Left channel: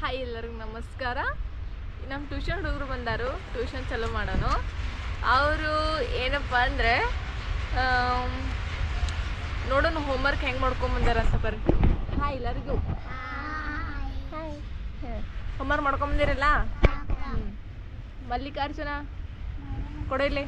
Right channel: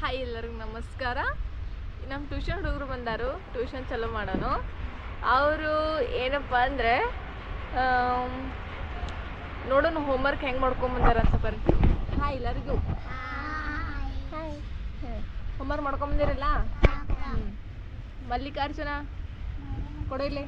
Hi ಎಲ್ಲರಿಗೂ ನಮಸ್ಕಾರ. ನಮ್ಮ ಟ್ಯೂಷನ್ ಹುಡುಗರು ಬಂದರು. ಟ್ಯೂಷನ್ ಚಾಲೂ ಮಾಡೋನು. ಅವರು ಏನಪ್ಪ ಅಂದರೆ ನೋಡೋಣ ಹೋಮ್ವರ್ಕ್ ಹೆಂಗೆ ಮಾಡ್ಕೊಂಬಂದಾರಂತ ಬರ್ರಿ. ಹಾಯ್ ಎಲ್ಲರಿಗೂ. ಹಾಯ್. ಹೋಮ್ವರ್ಕ್ ಮಾಡ್ಕೊಂಬಂದಿರಲ್ಲ ಹ್ಞೂ ಮಲ್ಲಿಕಾರ್ಜುನ ಕೊಡಲಿ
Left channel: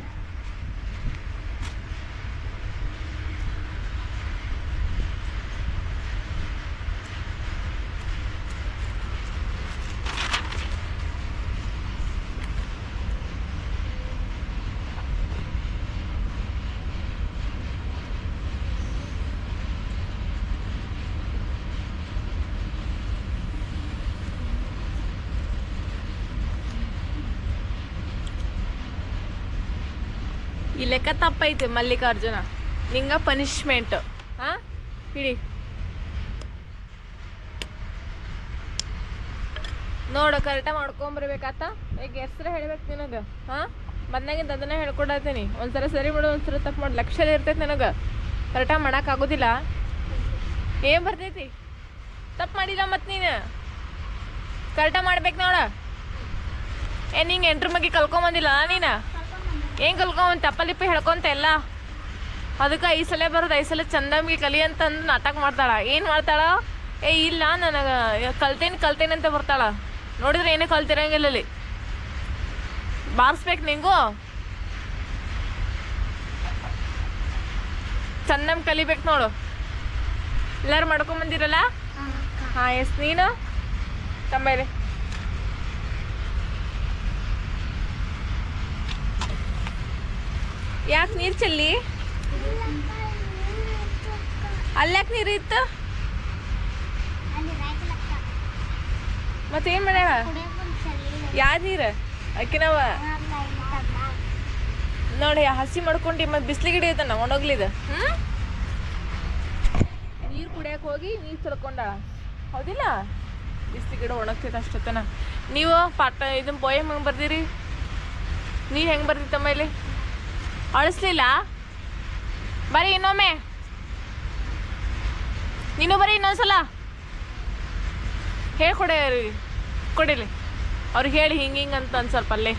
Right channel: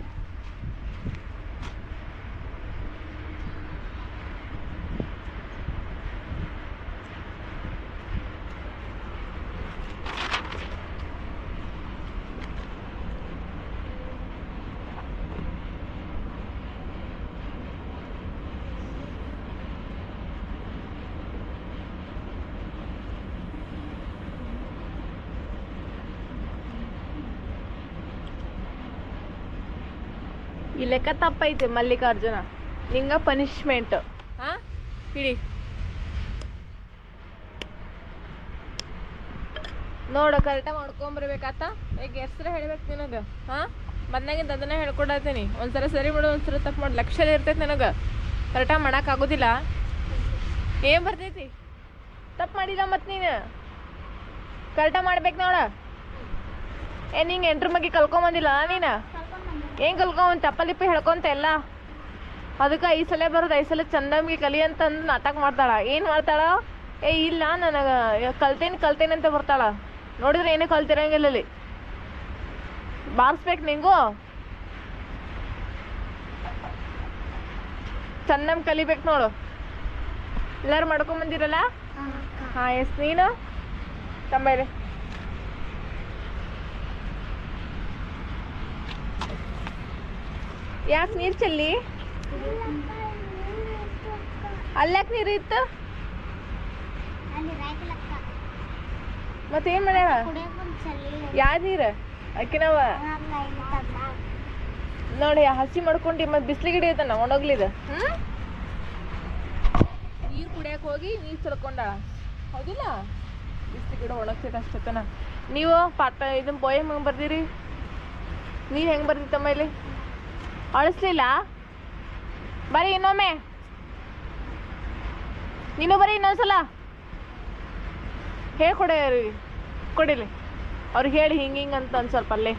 ಈ ಲೆಕ್ಕ ತಪ್ಪೈತೆ ಮಲ್ಲಿಕಾರ್ಜುನ. ನಿಂಗ ಪನಿಷ್ಮೆಂಟ್ ಹಾ? ಹಿಡಿ. ನೋಡು ಕರೆಕ್ಟಾಗಿ ಮಾಡ್ಕೊಂಬರ್ಬೇಕಾತ? ಈಗ ಹೆಸ್ರು ಹೇಳ್ಬೇಕು ನಿನಗೆ? ಹಾಂ? ಬಂದಾಗಿಂದ ಅದನ್ನ ಹೇಳ್ಕೊಡತ್ತೀನಿ. ಒಂದ್ಸಲ ಸರಿ ಮಾಡು, ಒಂದ್ಸಲ ತಪ್ಪು ಮಾಡಿ. ಲಕ್ಷ ಇರ್ತೈತಿ ನನಗೆ. ಕರೆಕ್ಟಾಗಿ ಮಾಡೋಕ್ಕಾಗೋದಿಲ್ಲ ಏನು ಬರ್ತೈತಿ? ತಪ್ಪು ಮಾಡಿಲ್ಲ ಮತ್ತು ನೀನು. ಕರೆಕ್ಟಾಗಿ ಮಾಡ್ಬೇಕು ನೋಡ. ಏ, ನಿಂಗೆ ಎಂಟ್ರ ಮಗಿ ಕಲ್ಕೊಂಬಂದಿಲ್ಲ ನೀನು? ಏನ್ ಕಲ್ಕೊಂಡ್ ತಪ್ಪಲಿಪ್ಪಿ ಹೇಳ್ಕೊಂತ ಎಲ್ಲ. ಅದಕ್ಕೆ ಐದು ಸಲ ಬರೋದು ಐದು ಸಲ ಚಂದಮ್ಗೆ ಕಲಿ ಅಂತಂದು ನಾಟಕ ಮಾಡ್ತಾಳೆ. ಏನು ಮಾಡ್ತಾಳ? ಏ ಇಲ್ಲ ನನಗೆ ಕಲ್ತೇನೆ ಕಲ್ತೇನೆ ಅಂತ ಬರ್ತಾಳ. ನೋಡಿದ್ರೆ ಏನೇ ಕಲ್ತಿರಂಗಿಲ್ಲ ಅಲ್ಲಿ ಬಾರಿಸ್ಬೇಕು ನಿಂಗು. ಚಂದಮ್ ಕಲಿಬೇಕು ನೋಡು. ಎಲ್ಲರೂ ಮಾಡ್ಕೊಂಬಂದಿರಲ್ಲ ಹಾಂ ಎಸ್ ನೀನು? ತಂಬೈರಿ ಯಾಕೆ ನೀರು ಚೆಲ್ಲಿ? ಅಲ್ಯಾಕೆ ನೀರು ಇತ್ತು? ಮತ್ತೇನು ಮಾಡ್ಯಾವ? ಯಾವ ನೀರು? ಅಕ್ಕಿನವ? ನೋಡಿ ಹಸಿ ಮಾಡ್ಕೊಂಡು ಮತ್ತೆ ಬಿಸಿಲಿಗೆ ಹಿಡಿಯುತ್ತಾನ ಒಣಗ್ಲಿದ ನೀರು ಕುಡಿಯಕ್ಕೆ ಹೋಗಿ ನೀರು ತಿಳ್ಕೊಂಡಾಳ ಹೌದಿಲ್ಲ? ಬಿಸಿಲಿಗೆ ಗಿಡ ಒಣಗ್ತೈತೆ ಅಷ್ಟೊತ್ತನ. ನೀವು ಪಾಠ ಇದನ್ನ ಪೋಯಮ್ ಹೆಂಗೆ ಬರ್ದಿರಿ? ನೀರು ಹೆಂಗೆ ಬರ್ದಿತ್ತಮ್ಮ ಇಲ್ಲಿ? ಅಳಿಸ್ಲಿಲ್ಲ? ಬರೀ ಇನ್ನೊಮ್ಮೆ. ನೀನು ಬರೀ ಇನ್ನೊಂದ್ಸಲ ಹೇಳ್ಕೊಡ ಕೊಡಿಲಿ ಅವ್ರಿಗೆ ಹೇಳಿ ಹಿಂಗೆ ಹಿಂಗೆ ಅಂತ ಒಂದು ಸ್ವಲ್ಪ ಅಲ್ಲೇ.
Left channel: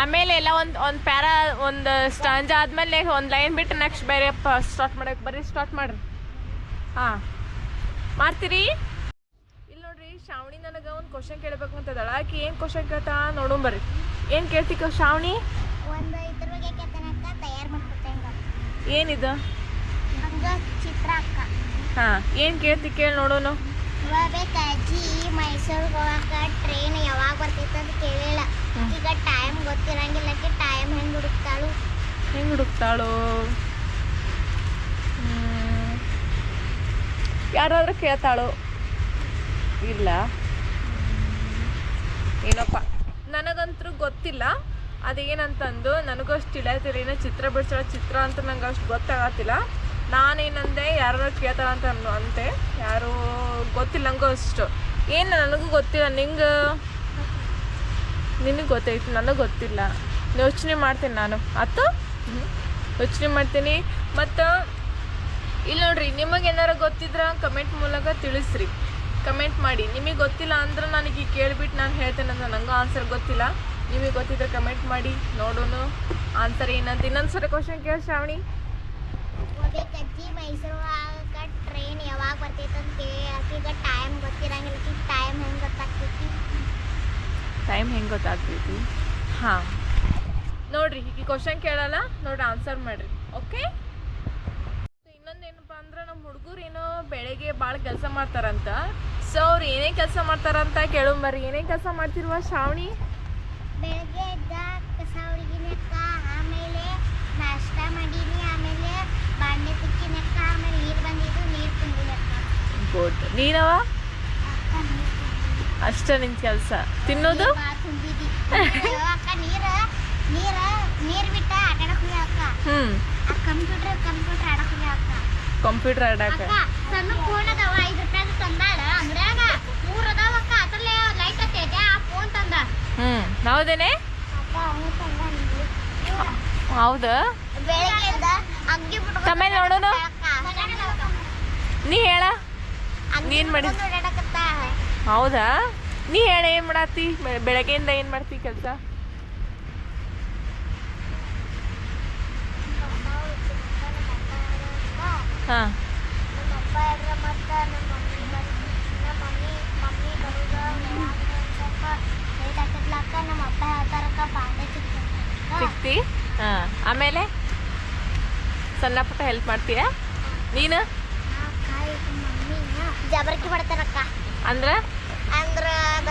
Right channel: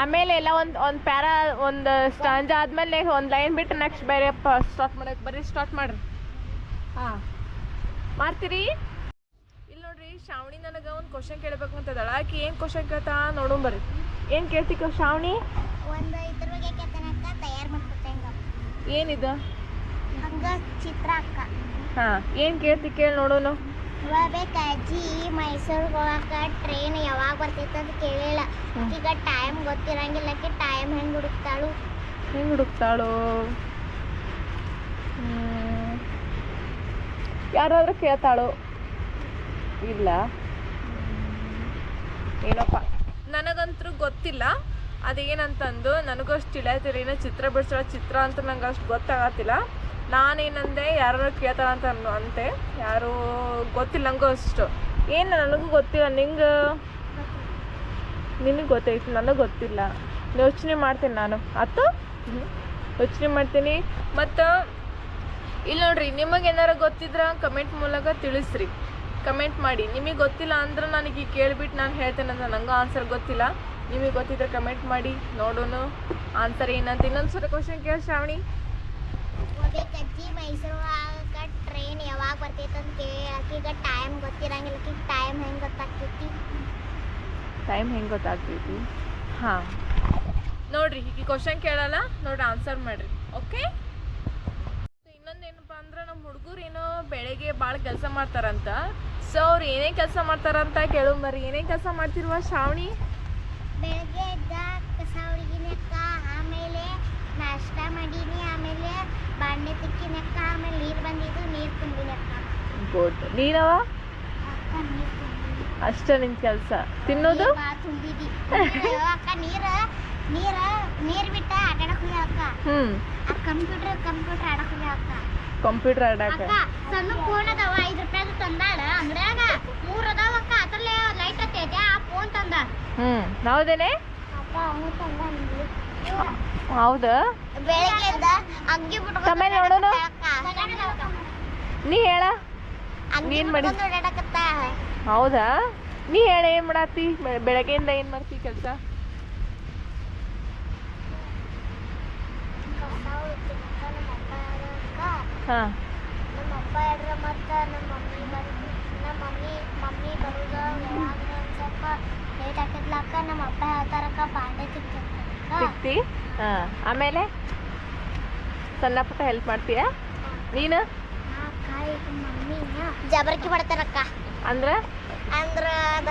ಆಮೇಲೆ ಎಲ್ಲ ಒಂದು ಒಂದು ಪ್ಯಾರಾ ಒಂದು ಸ್ಟಾಂಜ್ ಆದಮೇಲೆ ಒಂದು ಲೈನ್ ಬಿಟ್ಟು ನೆಕ್ಸ್ಟ್ ಬೇರೆ ಸ್ಟಾರ್ಟ್ ಮಾಡೋಕೆ ಬರೀ ಸ್ಟಾರ್ಟ್ ಮಾಡ್ರಿ. ಹಾಂ. ಮಾಡ್ತೀರಿ? ಇಲ್ಲಿ ನೋಡ್ರಿ ಶ್ರಾವಣಿ ನನಗೆ ಒಂದು ಕ್ವಶನ್ ಕೇಳಬೇಕು ಅಂತದಳ ಆಕಿ ಏನು ಕ್ವಶನ್ ಕೇಳ್ತಾ ನೋಡೋಣ ಬರ್ರಿ. ಏನು ಕೇಳ್ತಿಕ್ಕ ಶ್ರಾವಣಿ? ಒಂದು ಇದ್ರ ಬಗ್ಗೆ ಕೇಳ್ತಾನಕ್ಕ ತಯಾರು ಮಾಡ್ಕೊಟ್ಟಂಗ ಏನಿದು? ಹಂಗ ಚಿತ್ರ ಅಕ್ಕ. ಹಾಂ ಏನು ಕೇಳ್ತಿ ಕೇಳಿ ನೋಡೋಣ. ಇವಾಗ ಅಜ್ಜಿ ಮೈಸೂರಿಗೆ ಹೋಗಾಕ ಟ್ರೈನ್ ಯಾವಾಗ ಬರ್ತೈತೆ ಅಂತ ಕೇಳಿಲ್ಲ. ಈಗ ಟೈಮ್ ಗೊತ್ತಿರಂಗಿಲ್ಲ ಟೈಮ್ ಹೆಂಗ್ ಹುಡುಕ್ತಾಳು? ಹೆಂಗೆ ಹುಡುಕ್ತಾಳು? ಯಾರಾದ್ರೂ ಕೇಳ್ತಾಳು? ಇಲ್ಲ. ಏನಪ್ಪ? ನನಗಂತೂ ಗೊತ್ತಿಲ್ಲ. ಅದೇನಂತಂದು, ನನಗೂ ಅಷ್ಟು ತಿಳಿಯತಿಲ್ಲ. ಏನೋ ಚಿತ್ರ ಬಿಡ್ಸೋ ಚಿತ್ರ ಅಂತ ನಂಗೆ ಅಷ್ಟು ಗೊತ್ತಾಗತ್ತಿಲ್ಲ. ನಾನೇನಂದೆ ಯಾರು ಅನ್ನು ಅಂತೆ. ಯಾರು ಗೊತ್ತಿಲ್ಲ, ನಂಗೂ ಅಷ್ಟು. ಏನು ನನಗೂ ಗೊತ್ತಿಲ್ಲ, ನಿಂಗೆ? ನಿನಗೆ ಗೊತ್ತೈತಿ, ನನಗೆ ಗೊತ್ತಿಲ್ಲ. ಯೋಚನೆ ಮಾಡ್ತೀನಿ ನಾನು. ಆತು? ಯೋಚನೆ ಮಾಡ್ತೀನಿ. ಮತ್ತು ಇಲ್ಲಿ ನೋಡ್ರಿ ನಿಮಗೆ ಏನಾರ ಗೊತ್ತಿದ್ರ ಕಮೆಂಟ್ ಮೂಲಕ ತಿಳಿಸ್ರಿ. ಕಮೆಂಟ್ ಮಾಡಿ. ನಿಮಗೆ ಗೊತ್ತಿಲ್ಲ ಅಂದ್ರೆ ನನಗೆ ಈಗ ಕೇಳ್ಬಿಟ್ಟು ನಾನು ಹೇಳ್ತೇನೆ ಅಂತ ನನಗೂ ಆನ್ಸರ್ ಗೊತ್ತಿಲ್ಲ. ನಿಮಗೆ ಗೊತ್ತಿದ್ರೆ ಕಮೆಂಟ್ ಮಾಡಿ ನೋಡೋಣ. ಆನ್ಸರ್ ಏನಂತ ಇನ್ನೊಂದು ಸರಿ ಕ್ವಶನ್ ಕೇಳಿ ಶ್ರಾವಣಿ. ಅಜ್ಜಿ ಮೈಸೂರು ಟ್ರೈನ್ ಯಾವಾಗ ಬರ್ತೈತೆ ಅಂತ ಆಕಿಗ ಟೈಮ್ ಗೊತ್ತಿರಂಗಿಲ್ಲ. ಆಕಿಗೆ ಟೈಮ್ ಹೆಂಗೆ ಗೊತ್ತಾಗ್ತೈತಿ? ಟೈಮ್ ಹೆಂಗೆ ಗೊತ್ತಾಗ್ತೈತಿ? ಹಾಂ. ನೋಡ್ರಿ ಈಗ ಕ್ವಶನ್ ಕೇಳಲ್ಲ ನೋಡ್ರಿ ಆನ್ಸರ್ ಮಾಡ್ರಿ. ಓಕೆ ಇನ್ನೊಂದೇನಪ್ಪ ಅಂದ್ರೆ ನಮ್ಮ ಹುಡುಗರು ಏನೋ ಬೆಳಗ್ಗೆ ಭಾಳ ಕೆಲಸ ಮಾಡ್ತಾರಂತ. ಸೊ ಅವ್ರು ಏನೇ ಕೆಲಸ ಮಾಡ್ತಾರಂತ ಕೇಳೋ ಬರ್ರಿ. ಏನೇ ಕೆಲಸ ಮಾಡ್ತಿರುವ ಶ್ರಾವಣಿ? ಬೆಳಗ್ಗೆ ಎದ್ದ ಕಸ ಹುಡುಗಿನ ಆಮೇಲೆ ನಾಷ್ಟ ಮಾಡೀನಿ ಆಮೇಲೆ ಬಾಂಡೆ ತಿಕ್ಕಿನಕ್ಕ ಆಮೇಲೆ ನೀರು ಬಂದಿದ್ದು ನೀರು ತುಂಬಿನಕ್ಕ ಗುಡ್ ನೀನವ? ಅಕ್ಕ ನೀರು ಅಷ್ಟ ನಿನ್ ಕೆಲಸ. ತಿನ್ನೋದು? ಹ್ಮ್ ಬಾಳ್ ತುಂಬಿದಿ. ಅಕ್ಕ ನೀರ ನೀರ ನೀರ್ ಬಿಟ್ಟ ಆಟಾಡಕ್ ಹೋಗ್ಯಾವ ಅಕ್ಕ ಹ್ಞೂ ಆ ಕಂಪ್ಯೂಟರ್ ಕಂಪ್ಯೂಟರ್ ಆಡಕ್ಕೆ ಹೋಗ್ಯಾವ ಅಕ್ಕ ಕಂಪ್ಯೂಟರ್ ಆಡಾಕ ಸಣ್ಣ ಫೋನ್ ಅದಾವ ಐದು ರೂಪಾಯಿ ತಂದಾಳ. ಅಂಗಡ್ಯಾಗ ಮೂರ್ ಅದಾವ ಅಕ್ಕ ಅದ್ರಲ್ಲೇ ಲೈಟ್ ಹತ್ತೈತೆ ಆ ಫೋನ್ ತಂದ. ಹೌದೇನೆ? ಹೌದಾ? ಬೆಳಗ್ಗೆ ಎದ್ದ ಅಗ್ಗಿ ಬಿಟ್ಕೊಂಡು ತಮ್ಮ ಇಲ್ಲಿ ನೋಡೋನು. ನೀ ಹೇಳ. ನೀನ್ ಮಾಡಿ- ಹೌದಾ? ನೀ ಹೇಳ ಏನ್ ಮಾಡಾತಿ? ಬೆಳಗ್ಗೆಯಿಂದ ಏನ್ ಮಾಡ್ತಿ ಕೆಲಸ? ಹಾ. ನಮ್ಮ ಅಪ್ಪ ಹೇಳ್ರ ಮತ್ತ ನಮ್ಮ ಮಮ್ಮಿ ಬಂದು ನಮ್ಮ ಮಮ್ಮಿ ಮಮ್ಮಿ ಬರುದ ಸ್ವಲ್ಪ ಲೇಟ್ ಆಗ್ತದ್ಲಕ್ಕ ನಮ್ಮ ಅಪ್ಪ ಹೇಳ್ತಾರಕ್ಕ ಬಾಂಡೆ ತಿಕ್ಕ ಸಿಕ್ತಿ ಹಾ. ಆಮೇಲೆ ಸಣ್ಣ ಪುಟ್ಟ ಹೆಲ್ಪ್ ಮಾಡ್ತೀಯ? ನೀನು? ಮಮ್ಮಿ ಜಬರ್ಕಿ ಮಾಡ್ತಾರಕ್ಕ. ಅಂದ್ರ? ಅಂದ್ರೆ ಅದ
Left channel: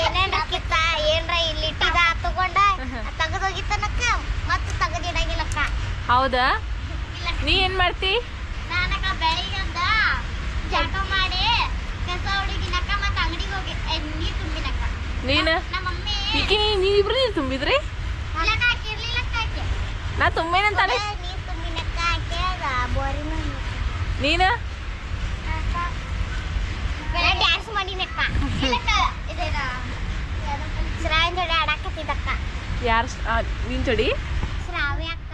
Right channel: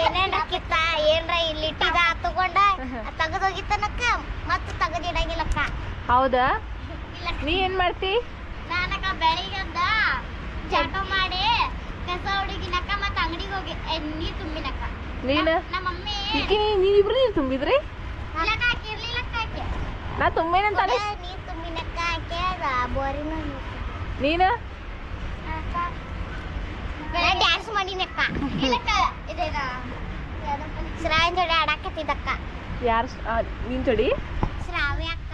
ಏನೇನ್ ಕಿತ್ತ ಏನ್ರ ಇಲ್ಲಿ ಇಟ್ಟಿದ ತಗೊಂಡ ತೆಗೆದೋಗಿತ್ತನಕ್ಕ ಮತ್ತೆ ತೆಗೆದಿಡಂಗಿಲ್ಲಕ್ಕ ಹೌದಾ? ನೀ ಏನ್ ಮಾಡ್ತಿ? ಬೆಳಿಗ್ಗೆಂದ ಜಳಕ ಮಾಡಿ ಕಸ ಹುಡುಗಿನಕ್ಕ ಮತ್ತ ಅಂಗಡಿಗೆ ಹೋಗಿ ನೀರ್ ತುಂಬಿನಕ್ಕ ನೀನು? ನಮ್ಮ ಮಮ್ಮಿ ಈಕಿ ನೀವಿಬ್ರು ನೀರು ತುಂಬಿದ್ರಿ? ಇಲ್ಲಕ್ಕ ಆಕಿ ಇರ್ಲಿಲ್ಲಕ್ಕ ಆಕಿ. ನಾ ತುಂಬಿನ ನೀರ್ ತುಂಬಿನಕ್ಕ ಆಕಿ ಬೋರಿನ ನೀನು? ಡ್ಯಾನ್ಸ್ ಮಾಡಿನಕ್ಕ ಇಲ್ಲಕ್ಕ ಇದೇನ ಶ್ರಾವಣ ಜೋಡಿ ಆಡಾಕತ್ತಿದ್ದಕ್ಕ. ಯಾರು ನೀನ್ ಜೋಡಿ? ಶ್ರಾವ್ಯ ಅಕ್ಕ.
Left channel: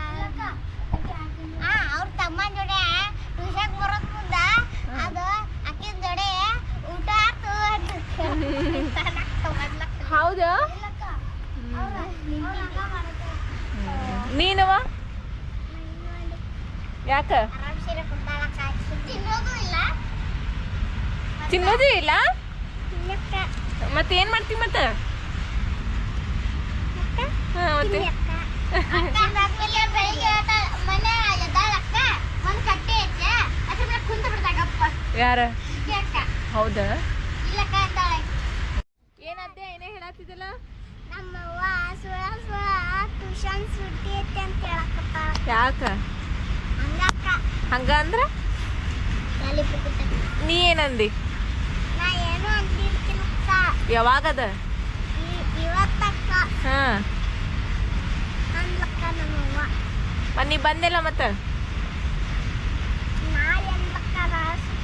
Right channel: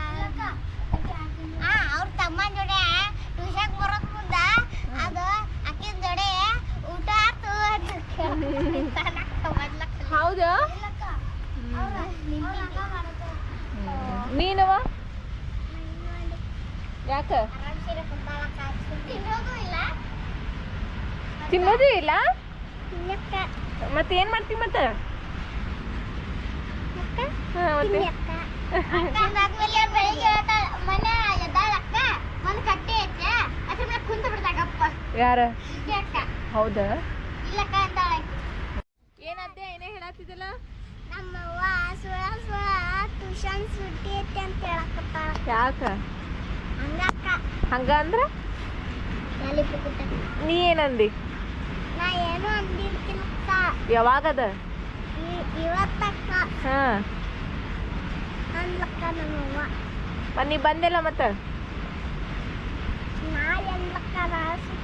ಅವ್ರ ತಮ್ಮನ ಜೋಡಿ ಟ್ಯೂಷನ್ ಬರೋದ್ ಮುಂದ ಅದು ಅಕ್ಕಿನ ಜೊಡೆ ಊಟ ಆತು ಹೌದಾ? ನೀನವ? ಯಾಕ? ತಿನ್ನೋದು ಇಲ್ಲ. ತಿನ್ನೋದು ಇಲ್ಲ? ತಿನ್ನಕ್ಕ. ಮತ್ತೆ? ಏನ್ ಮಾಡ್ತಿ ಮತ್ತೆ ಹಾ, ಮತ್ತೆ ಅದಾದ್ಮೇಲೆ ಬೆಳಿಗ್ಗೆ ಎದ್ದ- ಮನೆ ಎದ್ದಾಳಕ್ಕ ಒಂದ್ ಕಟ್ಟೆ ಐತೆ ಅದ್ರ ಮೇಲೆ ಕುಂತ ಬಿಡ್ತಾಗಪ್ಪ ಯಾರ? ಹೌದಾ? ಏನಂತೆ ಏನೇ ಹೇಳತ್ತಿದ್ದಲ್ಲ ನಮ್ಮವ್ವ ಸುಳ ಸುಳ ಟ್ಯೂಷನ್ ಸುಟ್ಟಿ ಐತೆ ಅಂತ ಹೇಳಕತ್ತಾಳ. ಯಾಕ? ಹಂಗಕ್ಕ ಹಂಗ ಅಂದ್ರ? ನೀ ಏನಂದಿ? ನಾ ಏನು ಅಂದಿರ್ತೀನಕ್ಕ ಯಾವಾಗದ? ಇವತ್ತಕ್ಕ ಹಾ. ಅನ್ಲಕ್ಕ ನಮ್ಮವ್ವ. ಮತ್ ನೀ ಬಂದಿಲ್ಲ ಮತ್ತ? ನಾಳೆ ನಾ ಅಮ್ಮ.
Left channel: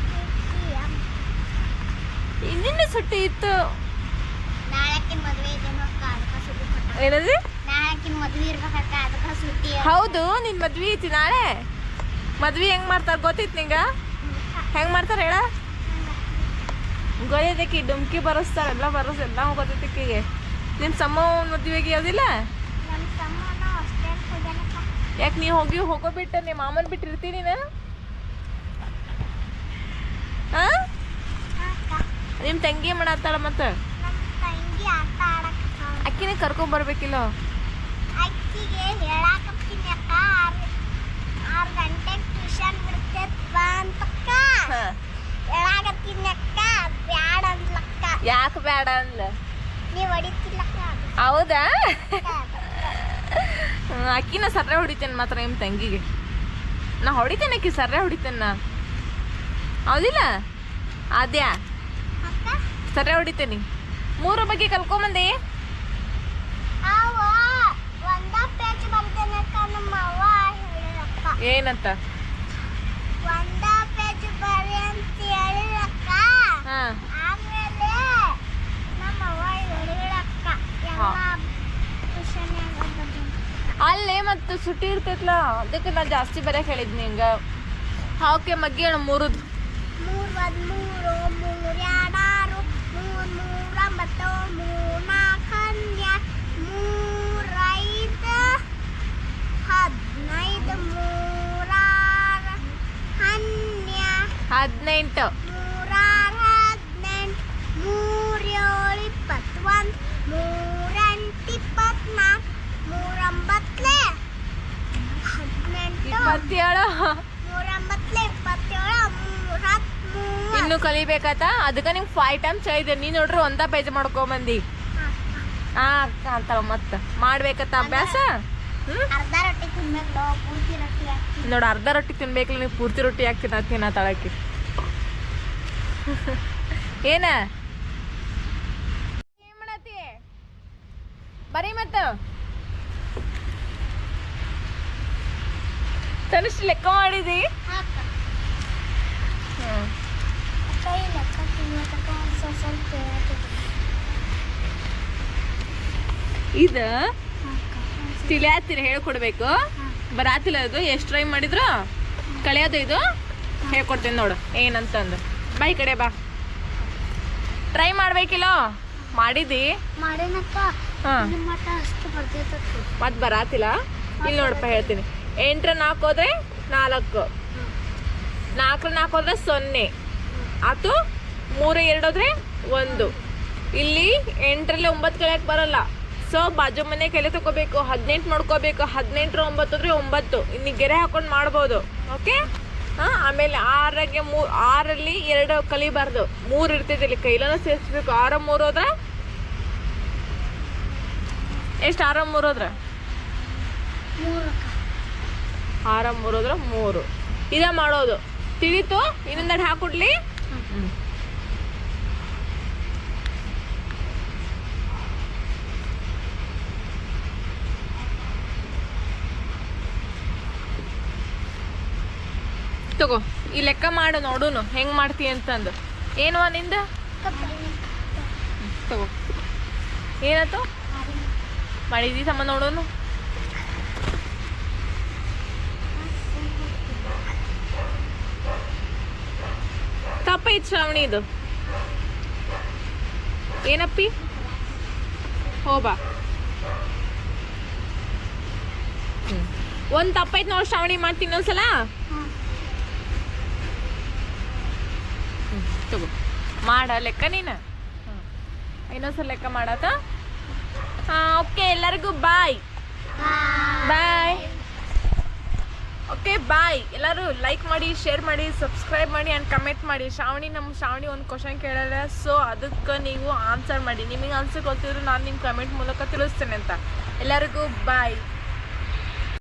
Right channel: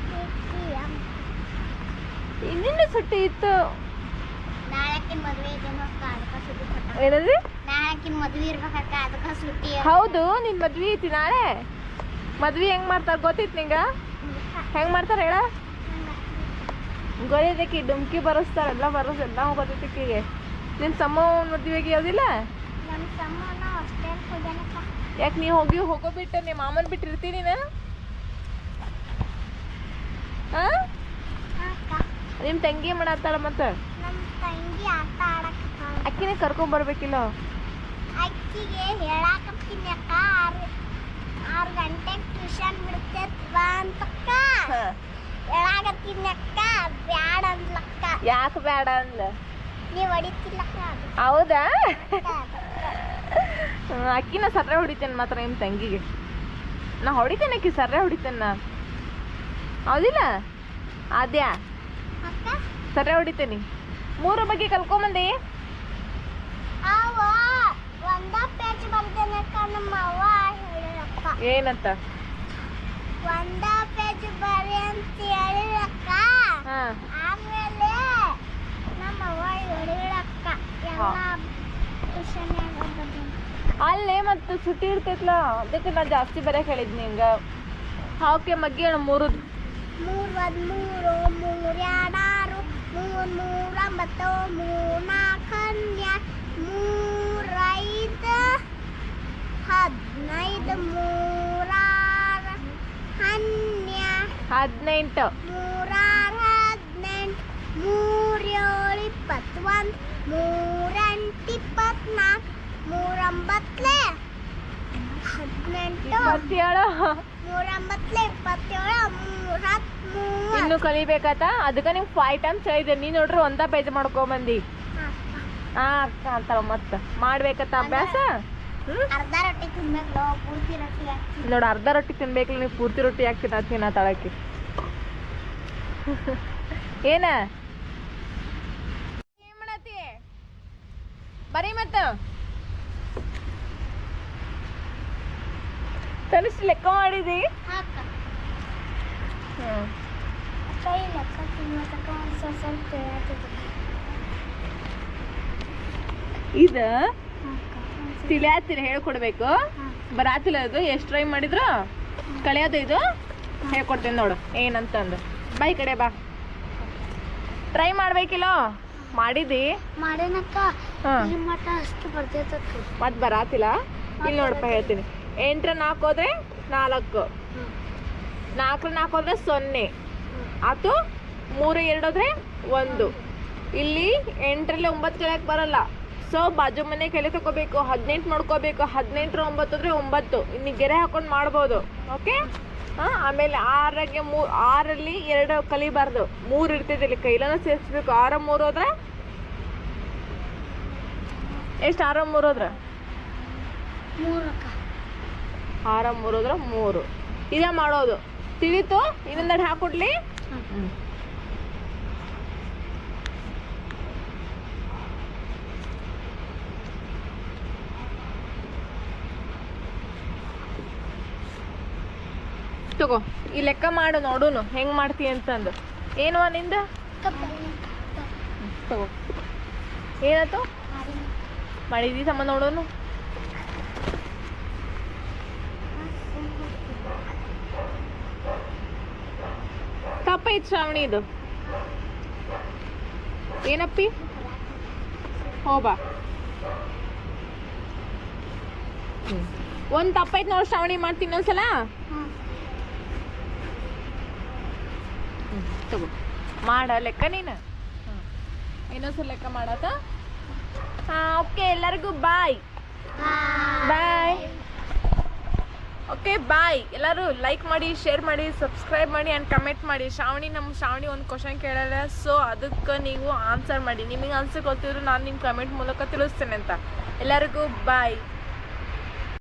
ಇನ್ನಿನ್ನ ಸುಟ್ಟಿ ಇತ್ತು? ಏನದು? ಹೌದು ನಿನ್ ಮದ್ವಿ ಐತಿ ನಾಳೆ. ಮದ್ವಿ ಹೆಂಗ್ ಮಾಡ್ತಾರ ಗೊತ್ತೈತಿ ನಿಂಗ? ಹೆಂಗ್ ಮಾಡ್ತಾರ ಹೇಳ? ಗೊತ್ತೈತಿ ಡುಮ್ಕಿ ಬರಸ್ತಾರ ಎಲ್ಲ ಬರಸ್ ಎಲ್ಲ ಗೊತ್ತೈತಿಕ್ಕಿಗೆ ನಿಮ್ ಸಮ್ಮ ಮದ್ವೆಗೆ ಯಾವ್ದಿಲ್ಲ? ಯಾಕೆ ನೀ ಹೋಗಿ ಹೋಗೋ ಬಿಟ್ಟ ನಿಮ್ಮ ಮಾಮನ್ ಬಿಟ್ಟಿರ್ತಿ ನೀನು ಹಾ ಅಕ್ಕ ನಿಮ್ ತಂಗಿ ಮಾಡತ್ತಾಳ ಮತ್ತ? ಅಕ್ಕಿನ ಕರ್ಕೊಂಡ್ ಬರ್ಬೇಕಿಲ್ಲ? ಅಕ್ಕಿಗೆ ಹೇಳಾಕತ್ತೀನಿ ಅಕ್ಕ ಆರು ಗಂಟೆಗೆ ಟ್ಯೂಷನ್ ಬಿಡ್ತೈತ್ ಬಾ ಅಂತಕ್ಕ. ಹೇಳಾಕತ್ತೀನಿ ಅಕ್ಕ ಬ್ಯಾಡ ಅಂದ್ಲಕ್ಕ ಯಾಕೆ ಬೇಡ ಅಂದ್ಲ? ನೀವು ಹೊಡಿತಿಲ್ಲಕ್ಕ ಅದು. ಹೌದಾ? ಅಕ್ಕಿನ ಸರ್ರೆ ಹೊಡಿತೇನೆ ಮಾತ್ರ ನಿಮ್ಮ ತಂಗಿಗೆ. ನಾ ಹೊಡಿತೇನೆ ಅಕ್ಕಿ ಸರ್ರೆ ಹೊಡಿತೇನೆ ನಾ. ಹೌದಿಲ್ಲ? ಆದ್ಯಾ? ಅಕ್ಕ? ಹೊಡಿತೀನಿ. ಮೂರು ಬಗ್ಗೆ ಕಲ್ಕೊಂಬಂದಿ. ಏನಂತ? ಒಂದ ಪೇಜ್ ಬರಿ ಅಂತ ಹೇಳಿರಕ್ಕ. ಆಮೇಲೆ ನಮ್ಮ ಅವ್ವ ಹೇಳಿರಕ್ಕ ಎಲ್ಲ ಟ್ಯೂಷನ್ ಆಗೋದು ಅಲ್ಲೇ ಮತ್ತು ಸುಟ್ಟಿ ಇರ್ತೈತ್ಲ ಅದಕ್ಕೆ ನಾನು ಜಾಸ್ತಿ ಬರೆಯಕ್ಕೆ ಹೇಳಿದ್ನಿ ಹಿಂಗ. ಹಾಕೆ ಮಗ್ಗಿ ಮೂರು ಮೂರ್ ಒಂದ್ ಮೂರು ಮೂರ್ ಎರಡಾರು ಮೂರ್ ಮೂರ್ ಒಂಬತ್ತು ಮೂರ್ ನಾಲ್ಕು ಹನ್ನೆರಡು ಮೂರ್ ಐದು ಹದಿನೈದು ಮೂರಾರು ಹನ್ನೆರಡು ಹದಿನೆಂಟು. ಮೂರಾರು ಹದಿನೆಂಟು ಮೂರ್ಯೋಳು ಏಳು ಇಪ್ಪತ್ತೊಂದು ಮೂರೆಂಟು ಇಪ್ಪತ್ನಾಲ್ಕು ಮೂರೊಂಬತ್ತಲೆ ಹದಿನೆಂಟು. ಇಪ್ಪತ್ತೇಳು. ಮೂರೊಂಬತ್ತಲೆ ಇಪ್ಪತ್ತೇಳು ಇನ್ನು ಕಲಿಬೇಕಾತ ಅದಕ್ಕೆ ನಿಂಗೆ ಫೈವ್ ಟೈಮ್ಸ್ ಹೇಳಿದೆ ನೀ ನೋಡ್ರಿ ಒಂದ ಪೇಜ್ ಮಾಡ್ಕೊಂಬಂದಿ. ಹಾ. ಅಂತಾಳ ಮತ್ತ. ಮಾಡ್ಬೇಕತ್ತ ಅಭ್ಯಾಸ? ನೋಡು ಅರ್ಧ ರೊಟ್ಟಿ ತಿನ್ಬೇಕಲ್ಲ ನೀವು ಪೂರ್ತಿ ರೊಟ್ಟಿ ಹಾಕಿ ತಿನ್ನ ತಳಕ್ಕೆ. ಏನ? ಏನ್ ಮಾಡತ್ತಿ? ಬರೀ ಮತ್ತ. ತನಿಷ್ ಲೆಕ್ಕ ಮಾಡಿದಿ? ಕೈ ಲೆಕ್ಕ ತಿನ್ನೋದಕ್ಕ ಒಂದು ಸ್ವಲ್ಪ ಸ್ವಲ್ಪ ಹೇಳ್ತಿದ್ದೆ ಇದ ತಿಳಿಯಾತಿರ ಹೇಳ್ಕೊಡ್ಬೇಕು. ಬರಾತಿಲ್ಲ ಅದು ಎಷ್ಟು ಟ್ರೈ ಮಾಡಿದ್ರು? ಕಳಿಯೋದು ಇದು? ಹೇಳ್ಕೊಡ್ತೀನಿ ನೋಡು ಏನಂತಂದು. ಬಾಯ್ ಈ ಕಡೆ ಬಾ. ಟ್ರೈ ಮಾಡ್ಬೇಕಿಲ್ಲ? ಮಾಡಿದಿ? ಮತ್ತೆ ಬರಾತಿಲ್ಲ ಇಲ್ಲಿ ನೋಡಪ್ಪ ಹೇಳ್ತೀನಿ. ಎಂಟ್ರ ನಾಲ್ಕು. ಹೋದ್ರೆ ನಾಲ್ಕು ನಾಲ್ಕು ನಾಲ್ಕು ಹೋದ್ರೆ ಸೊನ್ನೆ. ಆತು ಮೂರು ಎರಡು ಹೋದ್ರೆ ಒಂದು. ಇಲ್ಲಿ ಎಂಟರಲ್ಲಿ ಒಂಬತ್ತು ಕಲಿಯಕ್ಕೆ ಬರಲ್ಲ. ಸೊ ಬಾಜು ಮನೆ ಕಲೆ ತಗೋಬೇಕು ಹದಿನೆಂಟು ಮಾಡ್ಕೋಬೇಕು ಹದಿನೆಂಟರ ಒಂಬತ್ತು ಅಂದ್ರೆ ಒಂಬತ್ತು. ಇನ್ನು ಗೆರೆ ಹಾಕೊಂಡು ಮಾಡ್ಬೋದು. ಓಕೆ ಹಾಂ ಆಮೇಲೆ ಆರಾಗೆ ಮೂರು ಆರಲ್ಲಿ ಎರಡು ಕಲಿಬಾರ್ದು. ಮೂರು ಇರ್ತೈತೆ ಇಲ್ಲಿ ಕೈಲನ ಸೇರಿಸ್ಬೇಕು. ಆರ ಮೂರು ಹೋದ್ರೆ? ಎಷ್ಟು ಆರ ಮೂರು ಹೋದ್ರೆ? ಆರ ಮೂರು ಹೋದ್ರೆ ಮೂರು. ಇದೇ ಮಾಡೋದು. ತಿಳಿತು, ಇನ್ನೊಂದೆರಡು ಹಾಕೊಡ್ಲಿ. ತಗೋ, ಈ ಲೆಕ್ಕ ಮಾಡು ನೋಡುನು, ಹೆಂಗ್ ಮಾಡ್ತಿ ಅಂತಂದು. ಏನು ನಿಂದ? ತಗೋ. ಏನಾಯ್ತು? ಮಾಡಿದಿ ಸಮ ನೋಡೋನು? ತಪ್ಪೈತ್ ಶ್ರಾವಣಿ ಇದು. ಏನಪ್ಪಿ? ಹೋಬಾ. ಒಂದ್ ತಪ್ಪೈತ್ ನೋಡ್ ಶ್ರಾವಣಿ ಮಾಡ್ತೀನಿ ಒಂದ್ಸಲ. ತಗೋ. ಮಾಡ ಲೆಕ್ಕ ನೀನು. ಇನ್ನೊಂದ್ಸಲ ಲೆಕ್ಕ ಮಾಡತ್ತ ಹಾಂ ಓಕೆ ಎಲ್ಲರಿಗೂ ಬಾಯ್. ಬಾಯ್. ಓಕೆ ಬಾಯ್ ಎಲ್ಲರೂ ಲೈಕ್ ಮಾಡಿ ಶೇರ್ ಮಾಡಿ ಸಬ್ಸ್ಕ್ರೈಬ್ ಮಾಡಿ ಆ್ಯಂಡ್ ಕಮೆಂಟ್ ಮಾಡಿ. ಶ್ರಾವಣಿ ನಮ್ಮ ಶ್ರಾವಣಿ ಒಂದು ಕ್ವಶನ್ ಕೇಳಲ್ಲ. ಸೊ ಅದಕ್ಕೆ ನೀವು ಆನ್ಸರ್ ಮಾಡಿ. ನಿಮಗೆ ಆನ್ಸರ್ ಗೊತ್ತಿದ್ರು ನಾನು ನಿಮ್ಮ ಕಮೆಂಟ್ ಮೂಲಕ ತಿಳಿಸ್ತೇನೆ ಅಂತ. ಎಲ್ಲರಿಗೂ ಬಾಯ್